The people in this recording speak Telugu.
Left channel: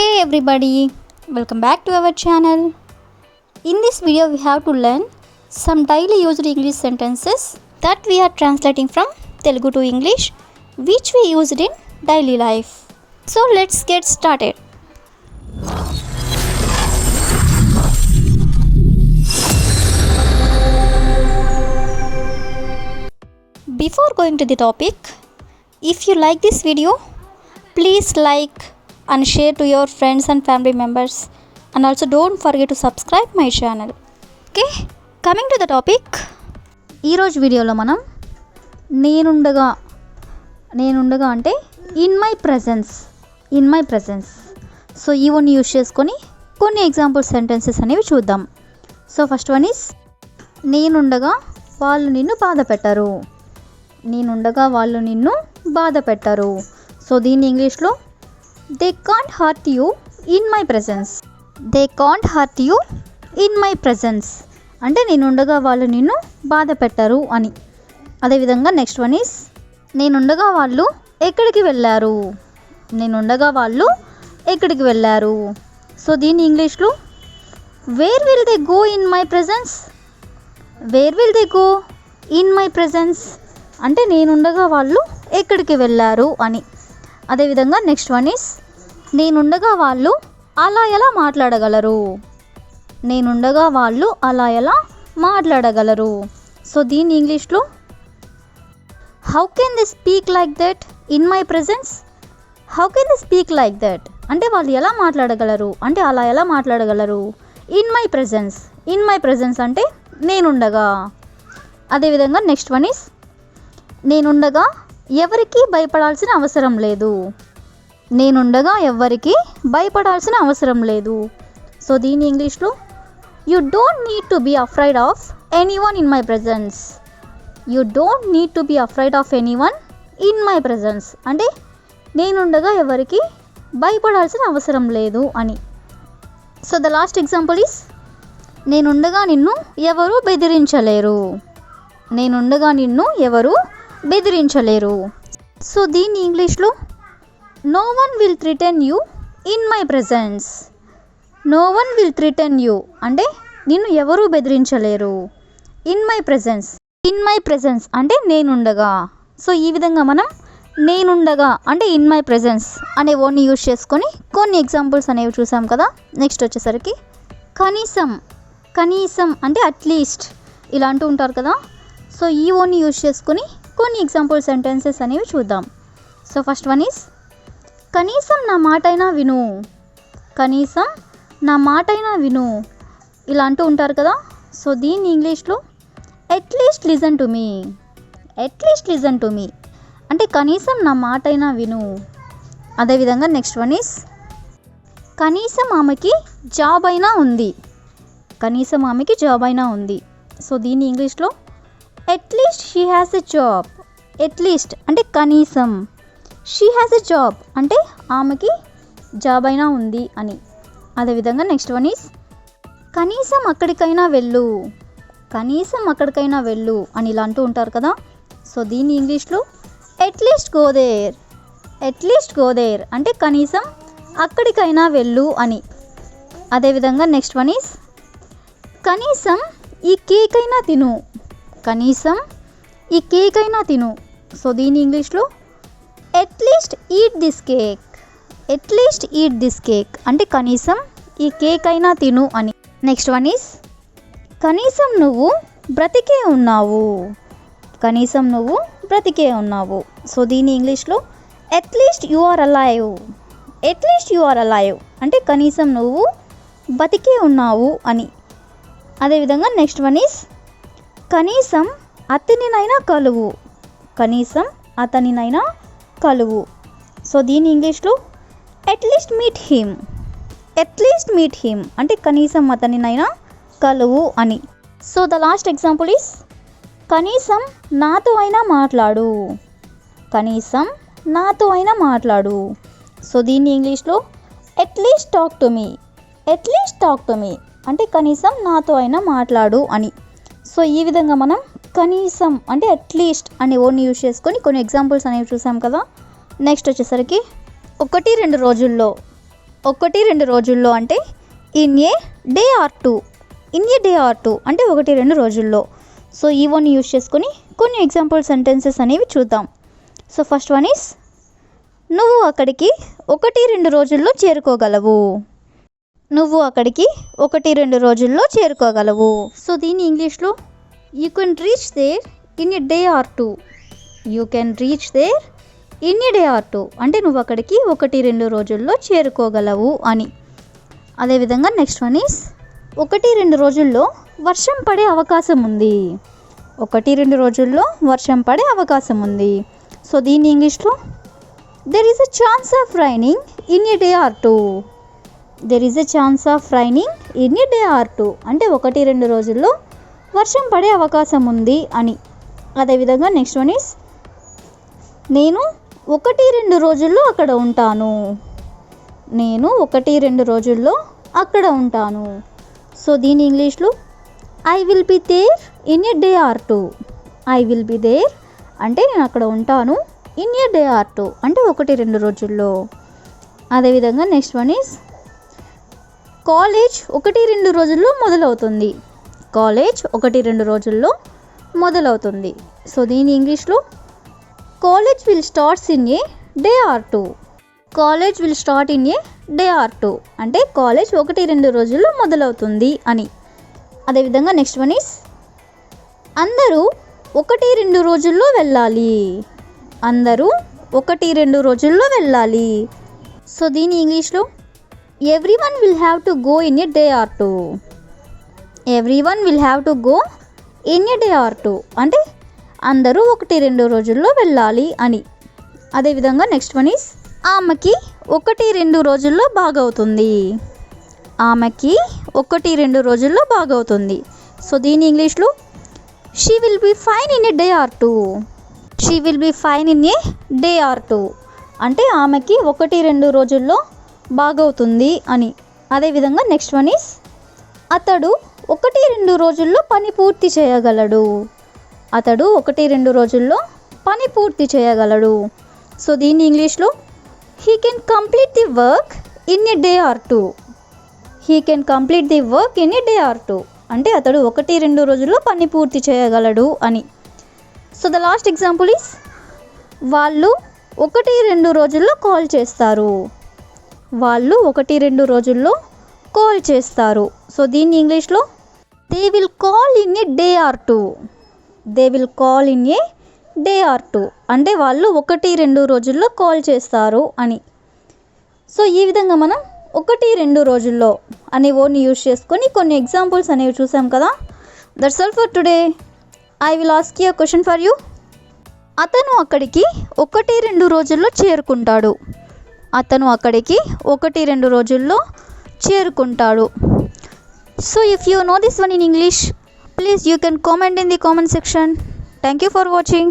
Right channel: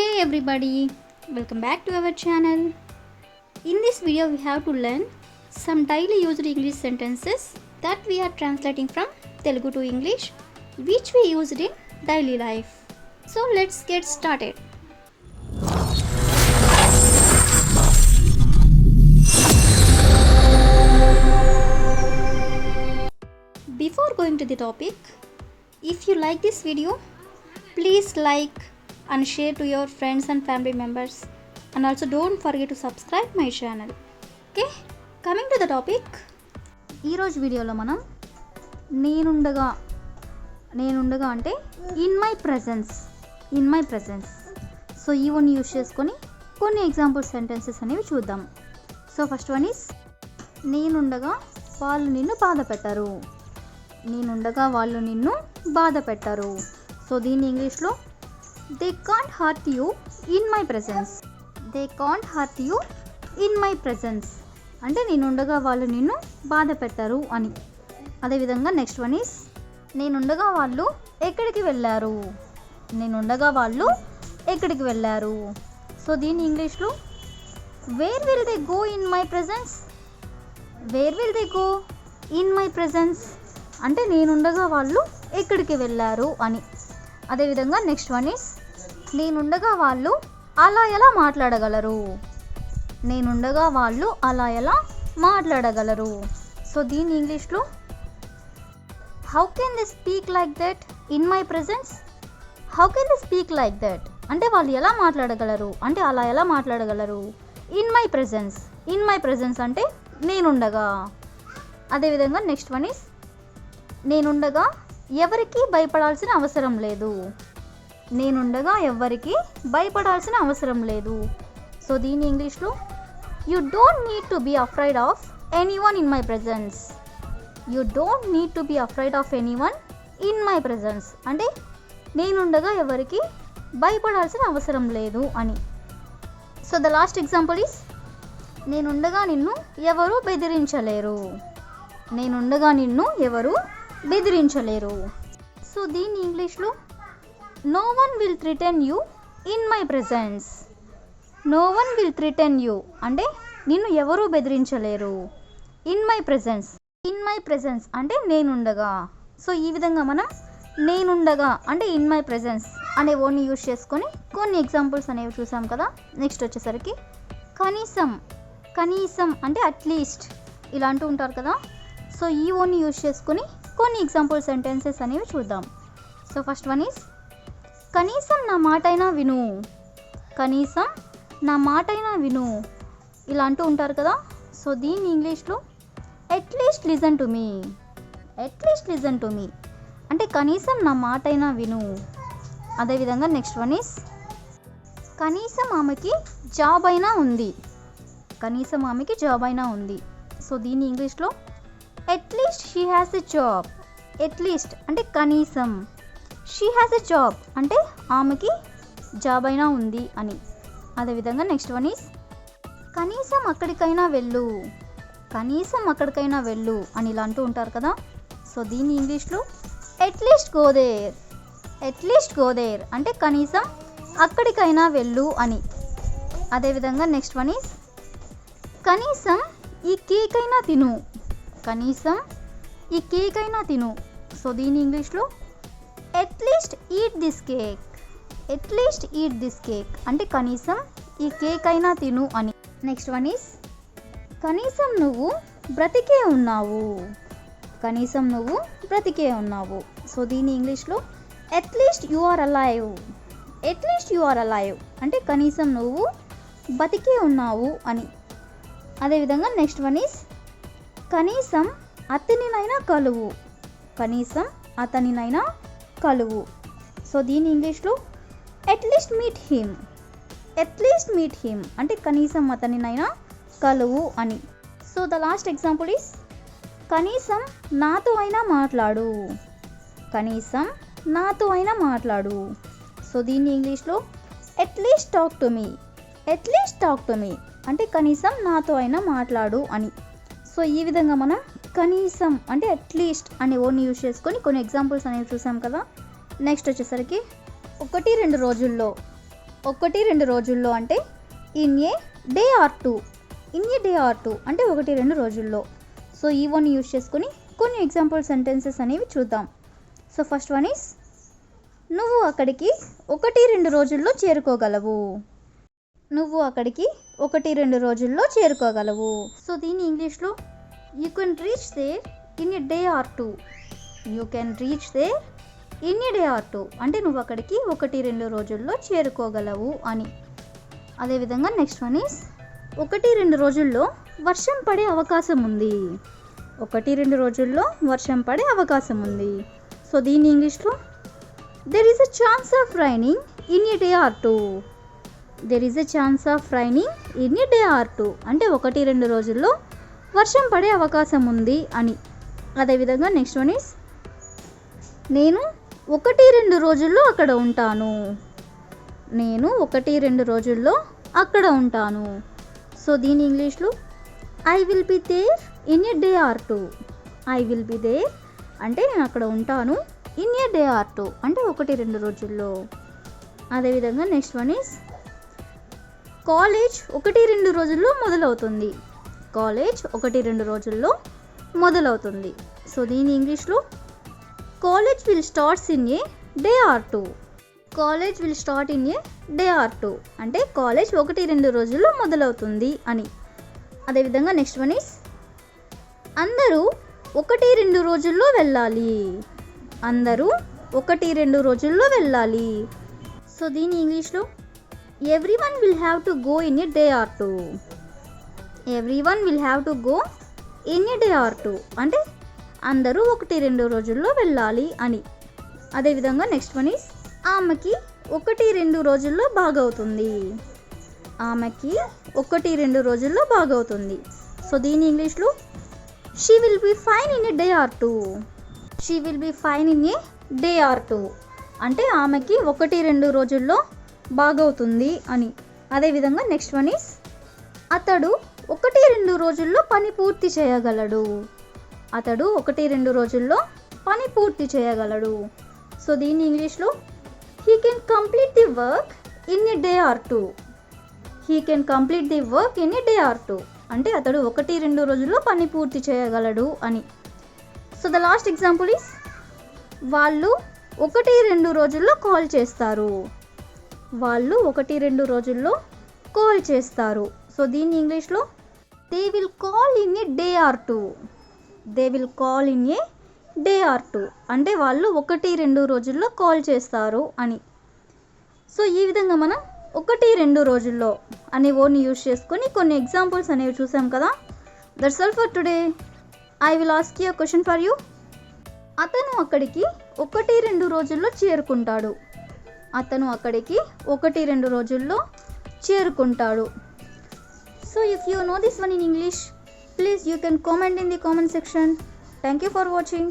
Hey everybody, welcome back to our channel. In this video we have to learn some daily used English sentences that we are translating from Telugu to English which we used in daily life. So let's get started. Before going to the topic, if you like this video, please like and share to your friends and family members, and also don't forget to subscribe my channel. Okay, coming to the topic, ఈ రోజు వీడియోలో మనం నేనుండగా అంటే ఇన్ మై ప్రెజెన్స్ సో ఇవన్నీ యూజ్ చేసుకొని కొన్ని ఎగ్జాంపుల్ సెంటెన్సెస్ అనేవి చూద్దాం. సో ఫస్ట్ వన్ ఈస్ నేనుండగా వాళ్ళు నిన్ను బాధ పెట్టరు. నేనుండగా వాళ్ళు నిన్ను బాధ పెట్టరు. సో దీన్ని ఇంగ్లీష్లో they can't hurt you in my presence. They can't hurt you in my presence అంటే నేనుండగా వాళ్ళు నిన్ను బాధ పెట్టరు అని. అదేవిధంగా నెక్స్ట్ వన్ ఈస్ నేనుండగా వాళ్ళు ఎక్కడికి వెళ్ళారు. నేనుండగా వాళ్ళు ఎక్కడికి వెళ్ళారు. సో దీన్ని ఇంగ్లీష్లో where will they go in my presence. Where will they go in my presence అంటే నేనుండగా వాళ్ళు ఎక్కడికి వెళ్ళారు అని. అదేవిధంగా నెక్స్ట్ వన్ ఈస్ నేనుండగా వాళ్ళు అలా ఎలా మాట్లాడగలరు. నేనుండగా వాళ్ళు అలా ఎలా మాట్లాడగలరు. సో దీన్ని ఇంగ్లీష్లో how can they speak like that in my presence. How can they speak like that అంటే వాళ్ళు ఎలా మాట్లాడగలరు అంటే అలా ఎలా మాట్లాడగలరు. In my presence. In my presence అంటే నేనుండగా. అదేవిధంగా నెక్స్ట్ వన్ ఈస్ నేనుండగా ఎవరికి భయపడాల్సిన అవసరం లేదు. నేనుండగా ఎవరికి భయపడాల్సిన అవసరం లేదు. సో దీని ఇంగ్లీష్లో you don't need to be afraid of anyone in my presence. You don't need to be afraid of anyone in my presence అంటే నేనుండగా ఎవరికి భయపడాల్సిన అవసరం లేదు అని. So the last example is నేనుండగా నిన్ను ఎవరు బెదిరించలేరు. నేనుండగా నిన్ను ఎవరు బెదిరించలేరు. సో దీన్ని ఇంగ్లీష్లో no one will threaten you in my presence. No one will threaten you అంటే నిన్ను ఎవరూ బెదిరించలేరు. In my presence. In my presence అంటే నేనుండగా. సో ఈ విధంగా మనం నేనుండగా అంటే ఇన్ మై ప్రెజెన్స్ అనే వర్డ్ని యూజ్ చేసుకొని కొన్ని ఎగ్జాంపుల్స్ అనేవి చూసాం కదా. నెక్స్ట్ వచ్చేసరికి కనీసం అంటే అట్లీస్ట్ ఇలా అంటూ ఉంటారు కదా. సో ఈ వర్డ్ని యూజ్ చేసుకొని కొన్ని ఎగ్జాంపుల్ సెంటెన్సెస్ అనేవి చూద్దాం. సో ఫస్ట్ వన్ ఈస్ కనీసం నా మాటైనా విను. కనీసం నా మాటైనా విను ఇలా అంటూ ఉంటారు కదా. సో దీన్ని ఇంగ్లీష్లో at least listen to me. At least listen to me అంటే కనీసం నా మాటైనా విను. అదేవిధంగా నెక్స్ట్ వన్ ఈస్ కనీసం ఆమెకి జాబ్ అయినా ఉంది. కనీసం ఆమెకి జాబ్ అయినా ఉంది. సో దీన్ని ఇంగ్లీష్లో at least she has a job. At least అంటే కనీసం. షీ హ్యాస్ ఎ జాబ్ అంటే ఆమెకి జాబ్ అయినా ఉంది అని. అదేవిధంగా నెక్స్ట్ వన్ ఈస్ కనీసం అక్కడికైనా వెళ్ళు. కనీసం అక్కడికైనా వెళ్ళు అని ఇలా అంటూ ఉంటారు కదా. సో దీన్ని ఇంగ్లీష్లో at least go there. At least go there అంటే కనీసం అక్కడికైనా వెళ్ళు అని. అదేవిధంగా నెక్స్ట్ వన్ ఈస్ కనీసం ఈ కేక్ అయినా తిను. కనీసం ఈ కేక్ అయినా తిను. సో దీని ఇంగ్లీష్లో at least eat this cake. At least eat this cake అంటే కనీసం ఈ కేక్ అయినా తిను అని. నెక్స్ట్ వన్ ఈస్ కనీసం నువ్వు బ్రతికే ఉన్నావు. కనీసం నువ్వు బ్రతికే ఉన్నావు. సో దీని ఇంగ్లీష్లో at least you are alive. At least you are alive అంటే కనీసం నువ్వు బతికే ఉన్నావు అని. అదేవిధంగా నెక్స్ట్ వన్ ఈస్ కనీసం అతనినైనా కలువు. కనీసం అతనినైనా కలువు. సో దీని ఇంగ్లీష్లో at least meet him. At least meet him అంటే కనీసం అతనినైనా కలువు అని. So the last example is కనీసం నాతో అయినా మాట్లాడు. కనీసం నాతో అయినా మాట్లాడు. సో దీన్ని ఇంగ్లీష్లో at least talk to me. At least talk to me అంటే కనీసం నాతో అయినా మాట్లాడు అని. సో ఈ విధంగా మనం కనీసం అంటే అట్లీస్ట్ అనే వర్డ్ని యూజ్ చేసుకొని కొన్ని ఎగ్జాంపుల్స్ అనేవి చూసాం కదా. నెక్స్ట్ వచ్చేసరికి 1-2 రోజుల్లో ఒకటి రెండు రోజుల్లో అంటే in a day or two. In a day or two అంటే ఒకటి రెండు రోజుల్లో. సో ఈ వన్ యూజ్ చేసుకొని కొన్ని ఎగ్జాంపుల్ సెంటెన్సెస్ అనేవి చూద్దాం. సో ఫస్ట్ వన్ ఈస్ నువ్వు అక్కడికి ఒకటి రెండు రోజుల్లో చేరుకోగలవు. నువ్వు అక్కడికి ఒకటి రెండు రోజుల్లో చేరుకోగలవు. సో దీని ఇంగ్లీష్లో you can reach there in a day or two. You can reach there in a day or two అంటే నువ్వు అక్కడికి ఒకటి రెండు రోజుల్లో చేరుకోగలవు అని. అదేవిధంగా నెక్స్ట్ వన్ ఈస్ ఒకటి రెండు రోజుల్లో వర్షం పడే అవకాశం ఉంది. ఒకటి రెండు రోజుల్లో వర్షం పడే అవకాశం ఉంది. సో దీని ఇంగ్లీష్లో there is a chance of raining in a day or two. There is a chance of raining in a day or two అంటే ఒకటి రెండు రోజుల్లో వర్షం పడే అవకాశం ఉంది అని. అదేవిధంగా నెక్స్ట్ వన్ ఈస్ నేను ఒకటి రెండు రోజుల్లో అక్కడ ఉంటాను. నేను ఒకటి రెండు రోజుల్లో అక్కడ ఉంటాను. సో దీని ఇంగ్లీష్లో I will be there in a day or two. I will be there అంటే నేను అక్కడ ఉంటాను. In a day or two అంటే ఒకటి రెండు రోజుల్లో. అదేవిధంగా నెక్స్ట్ వన్ ఈస్ కాలేజ్ ఒకటి రెండు రోజుల్లో మొదలవుతుంది. కాలేజ్ ఒకటి రెండు రోజుల్లో మొదలవుతుంది. సో దీని ఇంగ్లీష్లో college will starts in a day or two. College will start in a day or two అంటే కాలేజ్ ఒకటి రెండు రోజుల్లో మొదలవుతుంది అని. అదేవిధంగా నెక్స్ట్ వన్ ఈస్ అందరూ ఒకటి రెండు రోజుల్లో వెళ్ళాలి. అందరూ ఒకటి రెండు రోజుల్లో వెళ్ళాలి. సో దీని ఇంగ్లీష్లో every one will have to go in a day or two. Every one will have to go in a day or two అంటే అందరూ ఒకటి రెండు రోజుల్లో వెళ్ళాలి అని. అదేవిధంగా నెక్స్ట్ వన్ ఈస్ ఆమెకి ఒకటి రెండు రోజుల్లో బాగవుతుంది. ఆమెకి ఒకటి రెండు రోజుల్లో బాగవుతుంది. సో దీని ఇంగ్లీష్లో she will be fine in a day or two. She will be fine in a day or two అంటే ఆమెకి ఒకటి రెండు రోజుల్లో బాగవుతుంది అని. అదేవిధంగా నెక్స్ట్ వన్ ఈస్ అతడు ఒకటి రెండు రోజుల్లో పని పూర్తి చేయగలడు. అతడు ఒకటి రెండు రోజుల్లో పని పూర్తి చేయగలడు. సో దీని ఇంగ్లీష్లో he can complete the work in a day or two. He can complete the work in a day or two అంటే అతడు ఒకటి రెండు రోజుల్లో పని పూర్తి చేయగలడు అని. So the last example is వాళ్ళు ఒకటి రెండు రోజుల్లో కాల్ చేస్తారు. వాళ్ళు ఒకటి రెండు రోజుల్లో కాల్ చేస్తారు. సో దీన్ని ఇంగ్లీష్లో they will call in a day or two. They will call in a day or two అంటే వాళ్ళు ఒకటి రెండు రోజుల్లో కాల్ చేస్తారు అని. సో ఈ విధంగా మనం ఒకటి రెండు రోజుల్లో అనే వర్డ్ని యూజ్ చేసుకొని కొన్ని ఎగ్జాంపుల్స్ అనేవి చూసాం కదా. That's all for today. I will ask you question for you. అతను అక్కడికి ఒకటి రెండు రోజుల్లో చేరుకుంటాడు. అతను అక్కడికి ఒకటి రెండు రోజుల్లో చేరుకుంటాడు. So if you know this one in English, please you can comment in the comment section. Thank you for watching.